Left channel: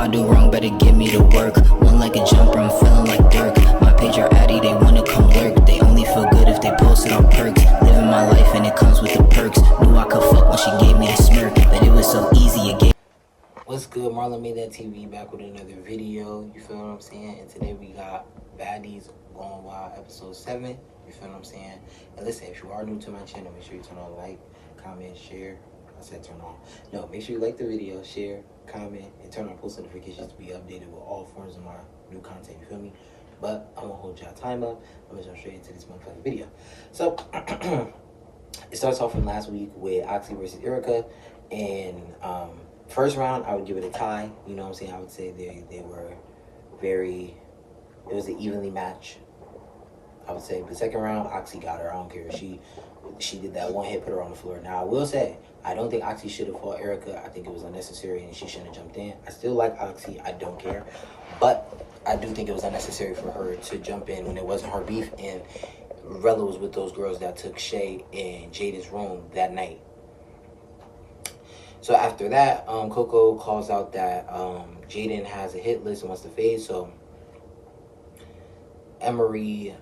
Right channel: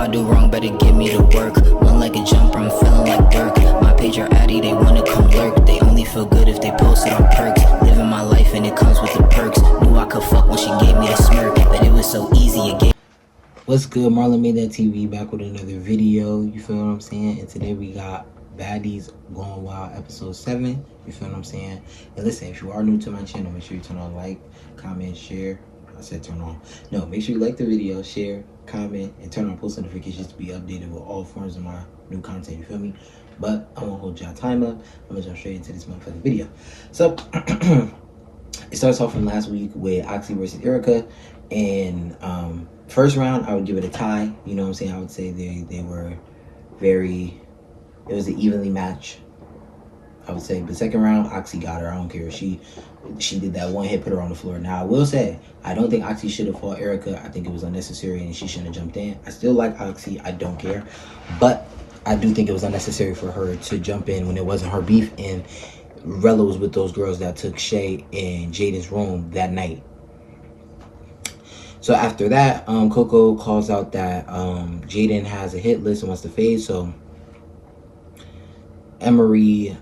I do wrong, better get me to work. One like a jumper, I'm feeling like Dirk. My page are addy, they wanna come lurk. They only feel good if they post it on perks. Living my life and it comes with the perks. Knew I could fuck when she gave me the smirk, but it was so easy again. What's good, MarlonmadethatTV back with another video, you feel what I'm saying? And today we got Baddies Going Wild episode 7, you feel what I'm saying? And listen, if you are new to my channel, make sure you turn on like, comment, share. I said turn on. No, make sure you like the video, share, comment, and turn on post notifications to be updated with all forms of my new content, you feel me? But I won't hold y'all time up. I'm gonna jump straight into this motherfucking video. So, it starts off from last week with Oxy versus Erica. And first round, I would give it a tie. You know what I'm saying? I would say they were very, it was an evenly match, I would say. But second round, Oxy got her. I don't care. She did that one hit, put her on the floor. Now, I will say, I don't think Oxy should have fought Erica. I think it was unnecessary and she shouldn't have jumped in. I still like Oxy. I don't care. But I do think it was unnecessary for her to jump in when it wasn't her beef. And Rella was with those girls that took Shay and Jaden's room that night. So after that, Coco calls out that Jaden has a hit list and wants to fade. So Emery,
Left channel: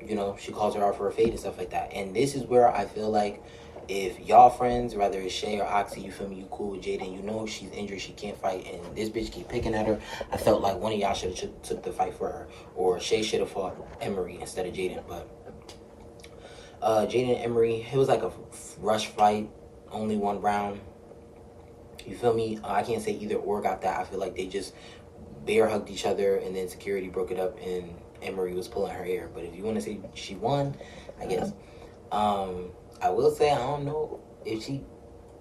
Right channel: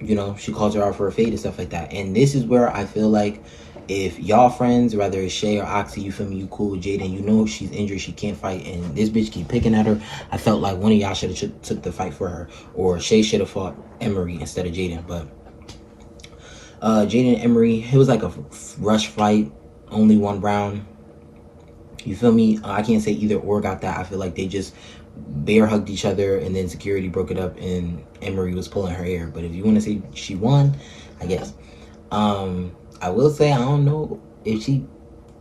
you know, she calls her out for a fade and stuff like that. And this is where I feel like if y'all friends, whether it's Shay or Oxy, you feel me, you cool with Jaden, you know she's injured, she can't fight, and this bitch keep picking at her, I felt like one of y'all should have took the fight for her. Or Shay should have fought Emery instead of Jaden. But Jaden and Emery, it was like a rush fight. Only one round, you feel me? I can't say either or got that. I feel like they just bear hugged each other and then security broke it up and Emery was pulling her hair. But if you want to say she won, I guess. I will say I don't know if she,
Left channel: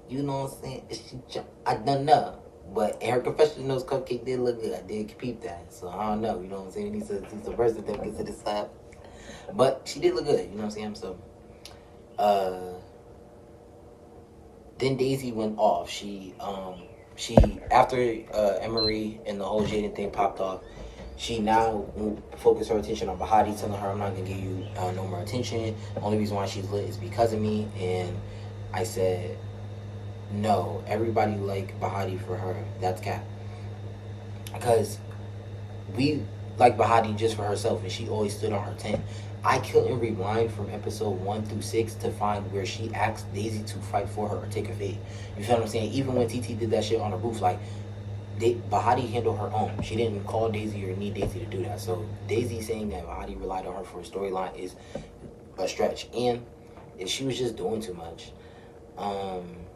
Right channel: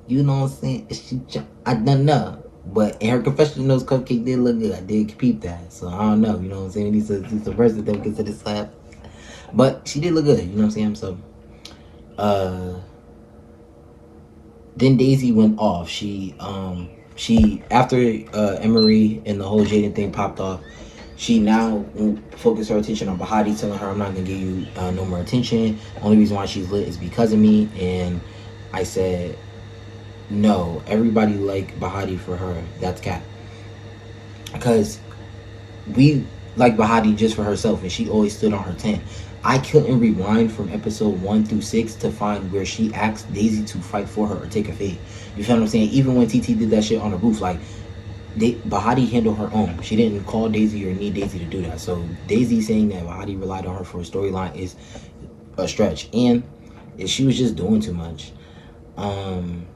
you know what I'm saying, if she, I don't know. But in her confession notes, Cupcake did look good. I did peep that. So I don't know, you know what I'm saying? It's a verse that they consider slap. But she did look good, you know what I'm saying? So then Daisy went off. She after Emery and the whole Jaden thing popped off, she now focused her attention on Baddies, telling her, I'm not gonna give you no more attention. Only reason why she's lit is because of me. And I said, no, everybody like Baddies for her. That's cap. Because we like Baddies just for herself, and she always stood on her 10. I couldn't rewind from episode 1 through 6 to find where she asked Daisy to fight for her or take a fade. You feel what I'm saying? Even when TT did that shit on the roof, like, Baddies handled her own. She didn't call Daisy or need Daisy to do that. So Daisy saying that Baddies relied on her for a storyline is a stretch. And she was just doing too much. I'm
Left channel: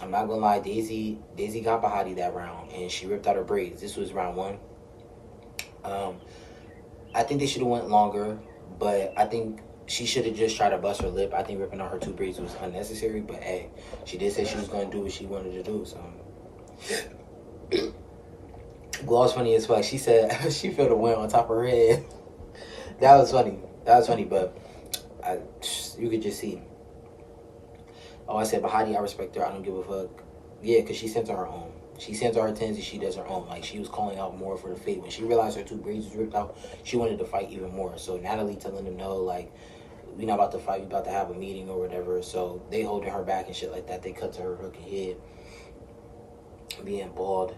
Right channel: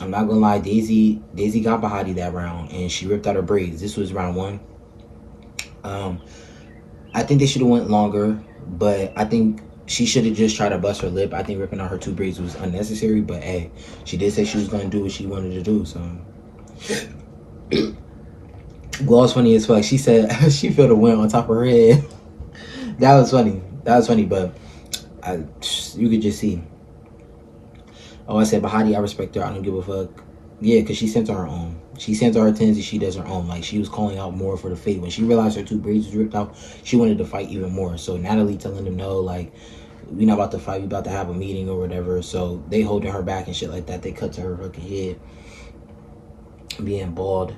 not gonna lie, Daisy got Baddies that round and she ripped out her braids. This was round 1. I think they should have went longer, but I think she should have just tried to bust her lip. I think ripping out her 2 braids was unnecessary, but hey, she did say she was gonna do what she wanted to do, so. Well, was funny as fuck. She said she felt a wind on top of her head. That was funny. That was funny, but you could just see. Oh, I said, Baddies, I respect her. I don't give a fuck. Yeah, because she sent her own. She sent her 10s and she does her own. Like, she was calling out more for the fade. When she realized her 2 braids was ripped out, she wanted to fight even more. So Natalie telling them, no, like, we not about to fight. We about to have a meeting or whatever. So they holding her back and shit like that. They cut to her fucking head being bald.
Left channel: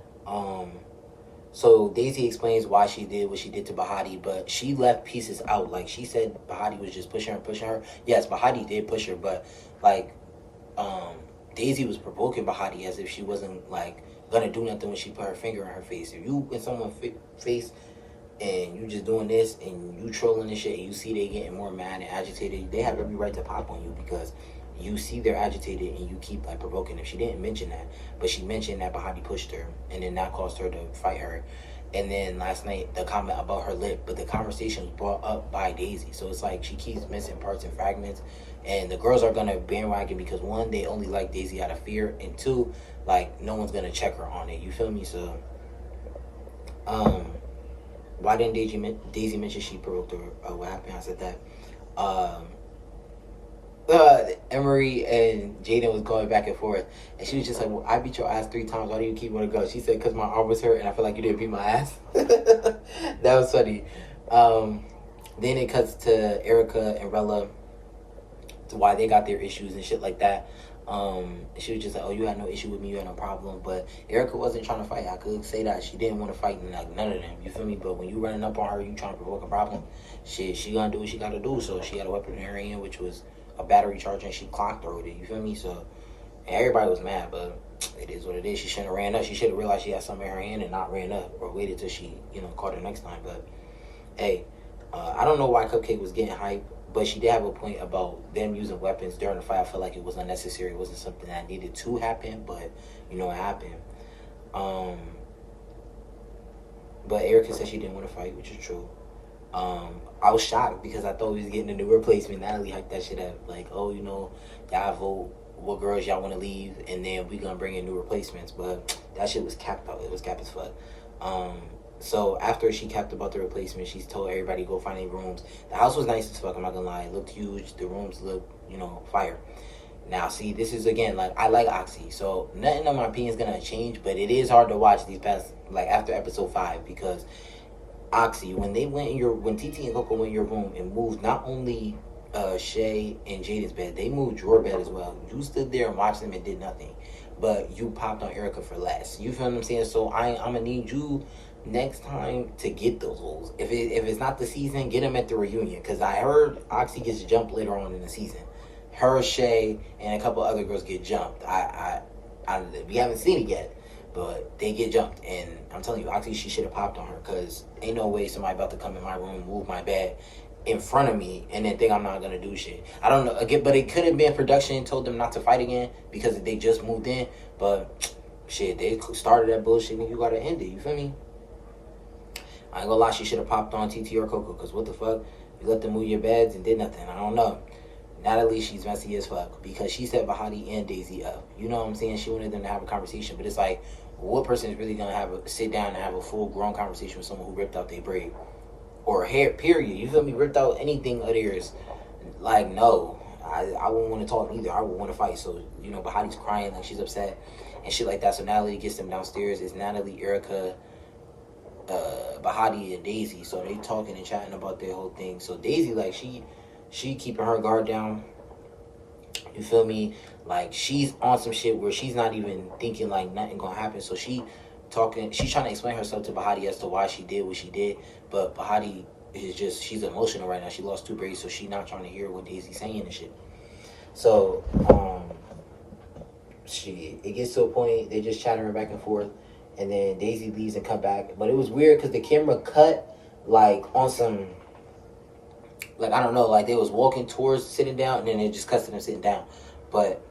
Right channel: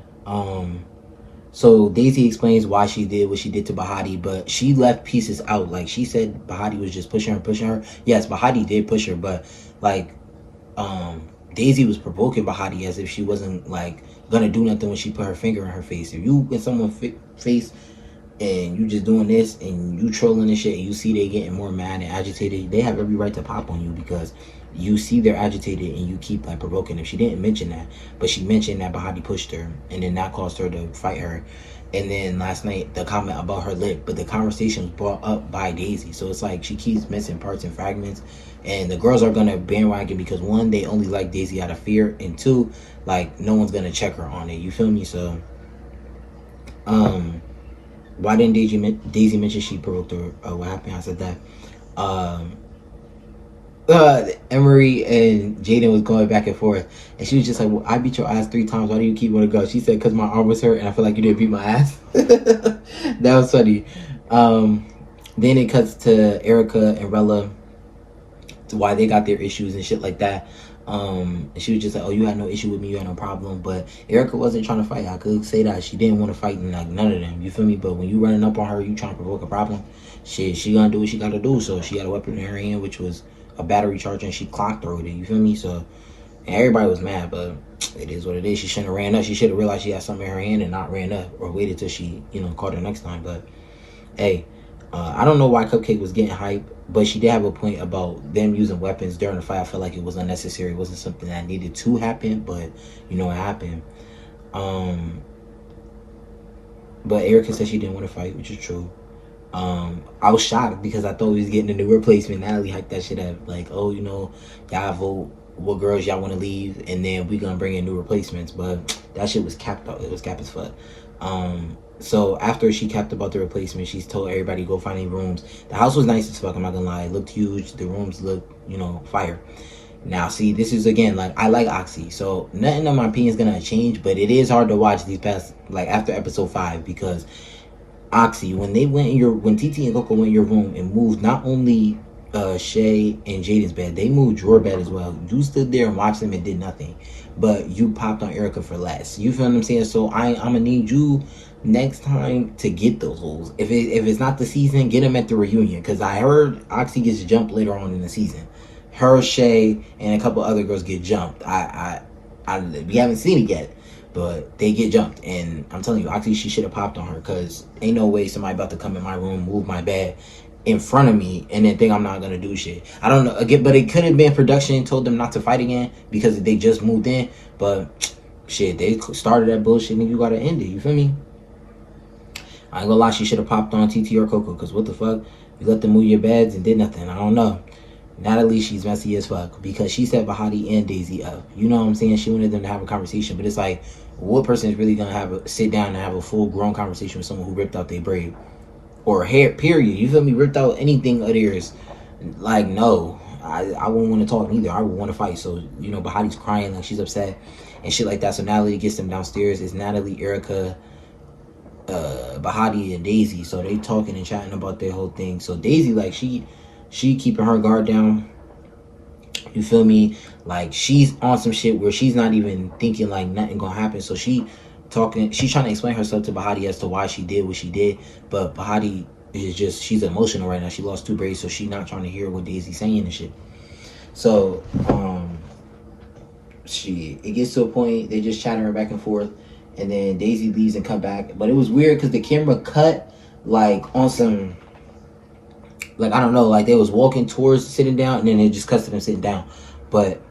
So Daisy explains why she did what she did to Baddies, but she left pieces out. Like, she said Baddies was just pushing her. Yes, Baddies did push her, but, like, Daisy was provoking Baddies as if she wasn't, like, gonna do nothing when she put her finger in her face. If you in someone's face and you just doing this and you trolling and shit and you see they getting more mad and agitated, they have every right to pop on you because you see they're agitated and you keep, like, provoking them. She didn't mention that, but she mentioned that Baddies pushed her and then that caused her to fight her. And then last night, the comment about her lip, but the conversation was brought up by Daisy. So it's like she keeps missing parts and fragments. And the girls are going to bandwagon because, 1, they only like Daisy out of fear. And 2, like, no one's going to check her on it. You feel me? So, why didn't Daisy mention she provoked her? What happened? I said that. Emery and Jaden was going back and forth, and she was just like, well, I beat your ass 3 times, why do you keep wanting to go? She said, because my arm was hurt and I feel like you didn't beat my ass. That was funny. Then it cuts to Erica and Rella, why they got their issues and shit like that. And she was just like, oh, you had no issue with me, you had no problem. But Erica wasn't trying to fight. I could say that she didn't want to fight, and like none of them, you feel me? But when you running up on her, you trying to provoke a problem, shit, she gonna do what she gotta do. So she had a weapon in her hand, which was a battery charger, and she clocked through it, you feel me? So and everybody was mad, but it is what it is. She shouldn't have ran up. She should have realized she had something in her hand and not ran up, or waited till she, caught her next time. But hey, I don't know why Cupcake was getting hype, but she did have a point about them using weapons during the fight. I felt like it was unnecessary. It wasn't something that needed to happen, but it happened. But Erica said she didn't want to fight, which is true. I was shocked because I thought we was getting a new replacement. Natalie hyped that shit up, like, oh, y'all vote what girls y'all want to leave, and then we gonna bring in new replacements. But that shit was capped out. It was capped as fuck. So after she capped about the replacement, she's told everybody go find any rooms. The house was nice as fuck, I'm not gonna lie. It looked huge. The rooms looked, fire. Now, see, this is, again, like, I like Oxy, so nothing in my opinion is gonna change, but it is hard to watch these past, like, after episode 5, because Oxy, when TT and Coco went in your room and moved not only Shay and Jaden's bed, they moved your bed as well. You stood there and watched them and did nothing, but you popped on Erica for less. You feel what I'm saying? So I'm gonna need you next time to get those holes. If it's not the season, get them at the reunion, because I heard Oxy gets jumped later on in the season. Her, Shay, and a couple other girls get jumped. We haven't seen it yet, but they get jumped, and I'm telling you, Oxy, she should have popped on her, because ain't no way somebody about to come in my room, move my bed in front of me, and then think I'm not gonna do shit. I don't know, again, but it could have been production told them not to fight again because they just moved in, but shit, they started that bullshit, and you gotta end it, you feel me? I ain't gonna lie, she should have popped on TT or Coco, because what the fuck? You let them move your beds and did nothing. I don't know. Natalie, she's messy as fuck, because she set Bahati and Daisy up. You know what I'm saying? She wanted them to have a conversation, but it's like, what person is really gonna sit down and have a full grown conversation with someone who ripped out their braid or hair? Period. You feel me? Ripped out anything of theirs? Like, no, I wouldn't want to talk neither. I would want to fight. So Bahati's crying, like she's upset and shit like that. So Natalie gets them downstairs. It's Natalie, Erica, Bahati, and Daisy. So they talking and chatting about their whole thing. So Daisy, like, she keeping her guard down, you feel me? Like, she's on some shit where she's not even thinking like nothing gonna happen. So she's trying to explain herself to Bahati as to why she did what she did, but Bahati is just, she's emotional right now. She lost 2 braids, so she's not trying to hear what Daisy's saying and shit. So it gets to a point, they just chatting her back and forth, and then Daisy leaves and come back. But it was weird because the camera cut like on some, like, I don't know, like they was walking towards sitting down, and then it just cuts to them sitting down. But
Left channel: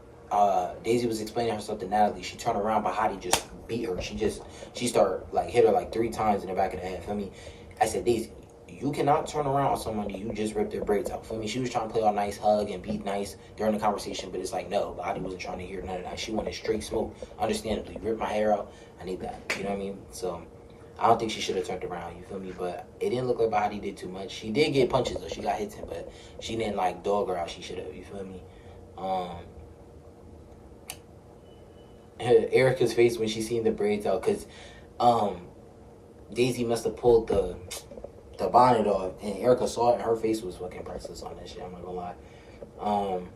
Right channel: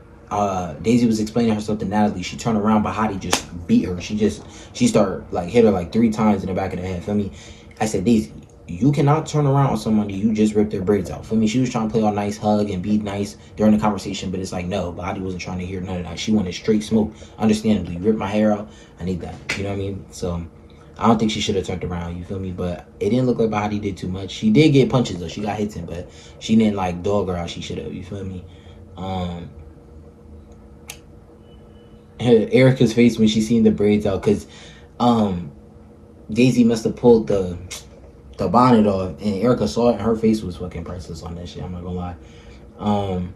Daisy was explaining herself to Natalie. She turned around, Bahati just beat her. She started, like, hit her like 3 times in the back of the head. Feel me? I said, Daisy, you cannot turn around on somebody you just ripped their braids out. Feel me? She was trying to play all nice, hug and be nice during the conversation, but it's like, no, Bahati wasn't trying to hear none of that. She wanted straight smoke. Understandably, rip my hair out. I need that. You know what I mean? So I don't think she should have turned around, you feel me? But it didn't look like Bahati did too much. She did get punches, though. She got hits in, but she didn't, like, dog her out. She should have, you feel me? Erica's face when she seen the braids out, because Daisy must have pulled the bonnet off, and Erica saw it, and her face was fucking priceless on that shit. I'm not gonna lie.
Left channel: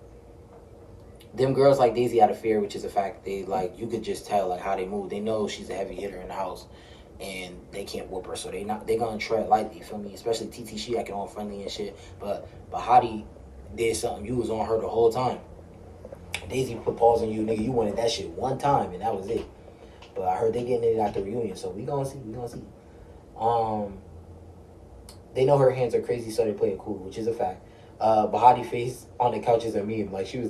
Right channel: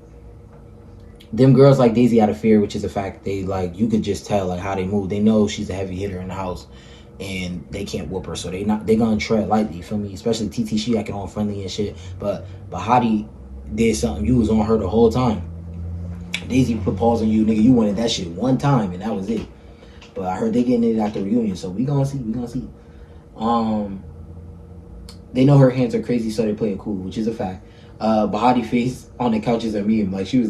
Them girls like Daisy out of fear, which is a fact. They, like, you could just tell, like, how they move. They know she's a heavy hitter in the house, and they can't whoop her, so they gonna tread lightly, you feel me? Especially TT, she acting all friendly and shit, but Bahati did something. You was on her the whole time. Daisy put pause on you, nigga. You wanted that shit one time, and that was it. But I heard they getting it at the reunion, so we gonna see. They know her hands are crazy, so they play it cool, which is a fact. Bahati face on the couch is a meme. Like, she was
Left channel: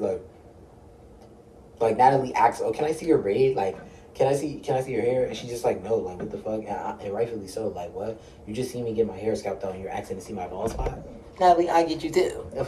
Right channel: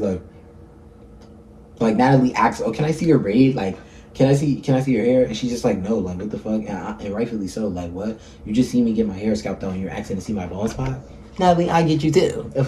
like Natalie asks, "Oh, can I see your braid? Like, can I see your hair?" And she's just like, "No, like, what the fuck?" And rightfully so. Like, what? You just see me get my hair scalped out, and you're asking to see my bald spot? Natalie, I get you too. If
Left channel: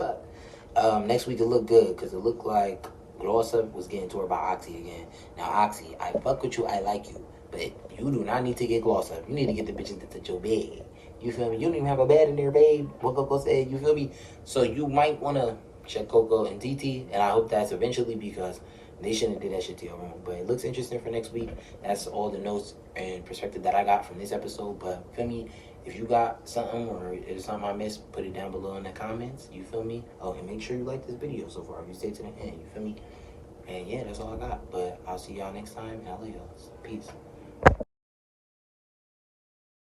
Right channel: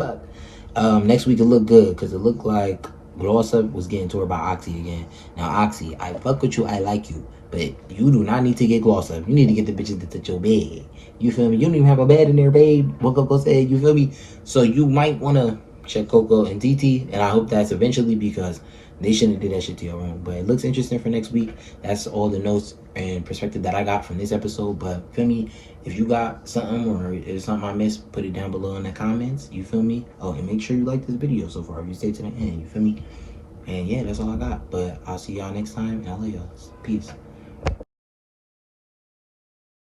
next week it looked good, because it looked like Gloss Up was getting toward by Oxy again. Now, Oxy, I fuck with you, I like you, but you do not need to get Gloss Up. You need to get the bitches that touch your bed. You feel me? You don't even have a bed in there, babe. What Coco said, you feel me? So you might want to check Coco and TT, and I hope that's eventually, because they shouldn't do that shit to your room. But it looks interesting for next week. That's all the notes and perspective that I got from this episode. But feel me, if you got something, or if there's something I missed, put it down below in the comments. You feel me? Oh, and make sure you like this video so far if you stay to the end. You feel me? And yeah, that's all I got. But I'll see y'all next time. And I love y'all. Peace.